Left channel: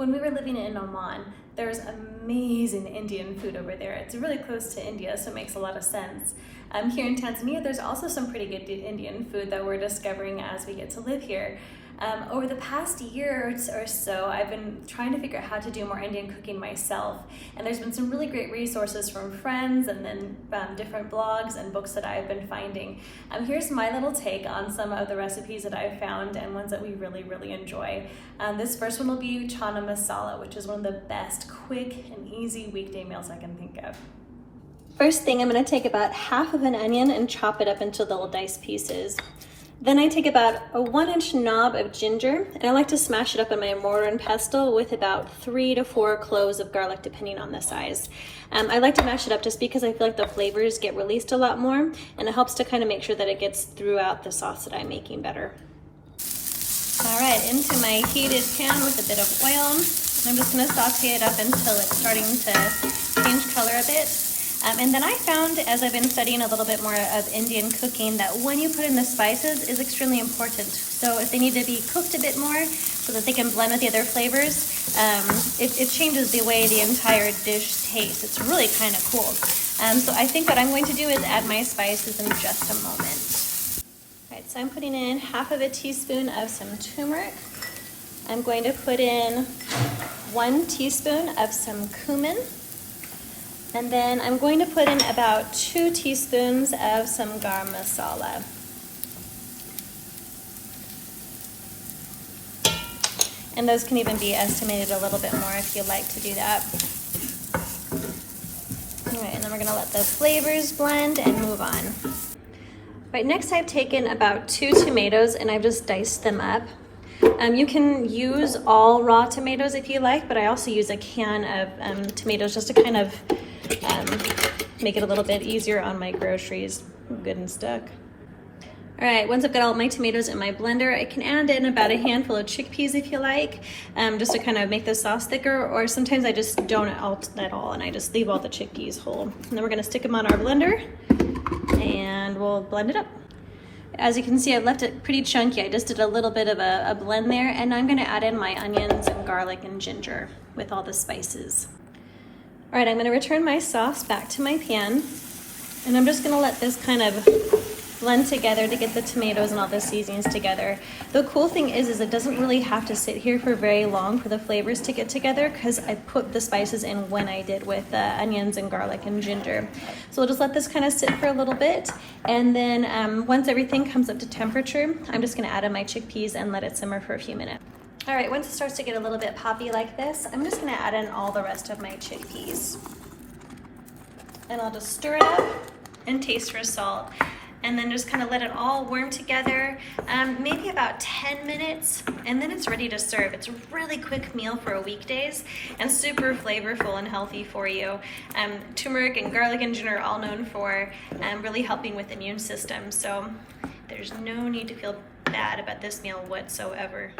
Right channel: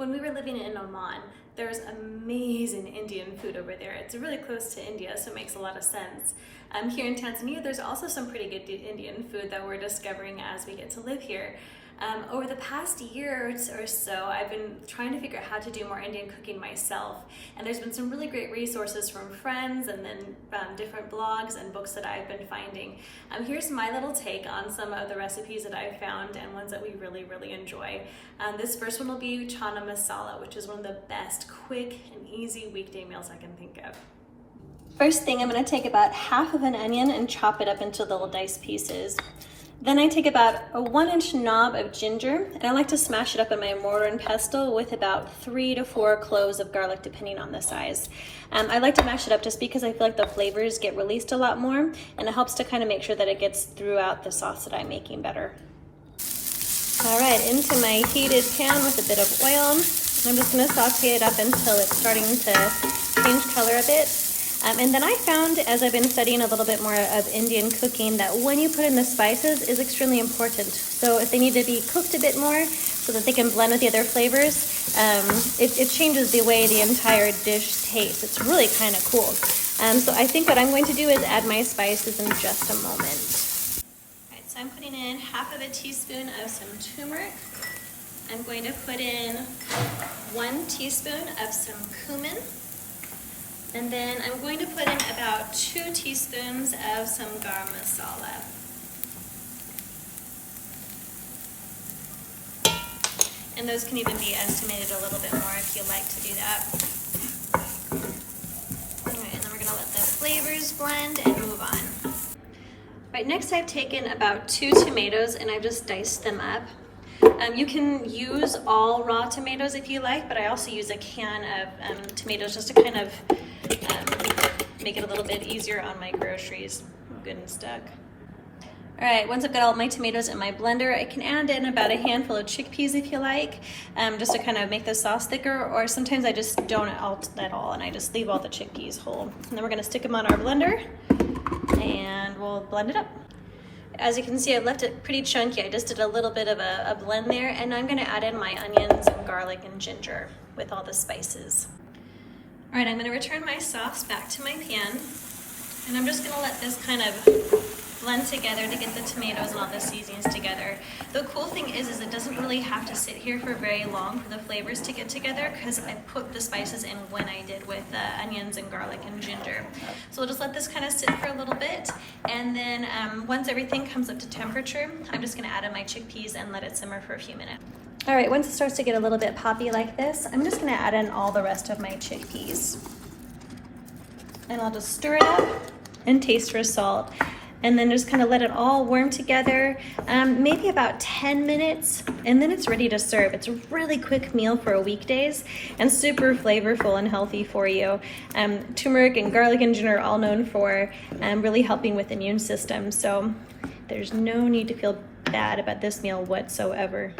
When we were living in Oman, there's amazing Indian food over there. It's really close to India, so it makes a lot of sense. Here in Tanzania, there's also some pretty good Indian food that we're discovering as we get to live here. Over the past year or so, I've been trying to figure out how to do more Indian cooking myself. And there's been some really great resources from friends and then different blogs and books that I've been finding. Here's my little take on some of the recipes that I've found and ones that we really enjoy. This first one will be Chana Masala, which is one of the best quick and easy weekday meals I can think of. First thing, I'm going to take about half of an onion and chop it up into little diced pieces. Then I take about a 1-inch knob of ginger, and I like to smash it up in my mortar and pestle with about 3 to 4 cloves of garlic, depending on the size. I like to mash it up just because I feel like the flavors get released a lot more, and it helps to kind of make sure that it gets throughout the sauce that I'm making better. All right, into my heated pan with a bit of oil. I'm just going to saute it up until it's starting to change color a bit. And then I found, as I've been studying a little bit more of Indian cooking, that when you put in the spices is extremely important. So if they need to be cooked a bit more so that they can blend with the other flavors, it changes the way the entire dish tastes. It's really kind of cool. So I think what I'm going to do is add my spices in just a moment. All right, so I'm putting in half of a teaspoon of some turmeric. I'm going to put in 1 teaspoon of some cumin. And then I'm going to put in about 2 teaspoons of some garam masala. And those can even be estimated a little bit more if you like to do that. All right, and then we're gonna let the flavors blend and move on. All right, next I've taken about 2 tomatoes and I've just diced them up. You can use all raw tomatoes if you like, but I also use a can of tomatoes just to kind of make it a little bit easier on my groceries. Good and stuck. All right, once I've got all my tomatoes in my blender, I can add in about a handful of chickpeas if you like, just to kind of make the sauce thicker, or sometimes I just don't alt at all and I just leave all the chickpeas whole. And then we're gonna stick them on our blender and we'll blend it up. As you can see, I've left it pretty chunky. I just did a little bit of a blend there, and I'm gonna add in my onions and garlic and ginger with all the spices. All right, I'm gonna return my sauce back to my pan, and I'm just gonna let this kind of blend together to get the tomatoes and all the seasonings together. The cool thing is it doesn't really have to sit here for very long for the flavors to get together, because I put the spices in when I did with onions and garlic and ginger. So we'll just let this kind of sit for a little bit, and then once everything comes up to temperature, I'm just gonna add in my chickpeas and let it simmer for a few minutes. All right, once it starts to get a little bit poppy like this, I'm just gonna add in all the rest of my chickpeas. And I'll just stir it up and taste for salt. And then just kind of let it all warm together, maybe about 10 minutes, and then it's ready to serve. It's a really quick meal for weekdays and super flavorful and healthy for you. Turmeric and garlic and ginger are all known for really helping with the immune system, so there's no need to feel bad about this meal whatsoever.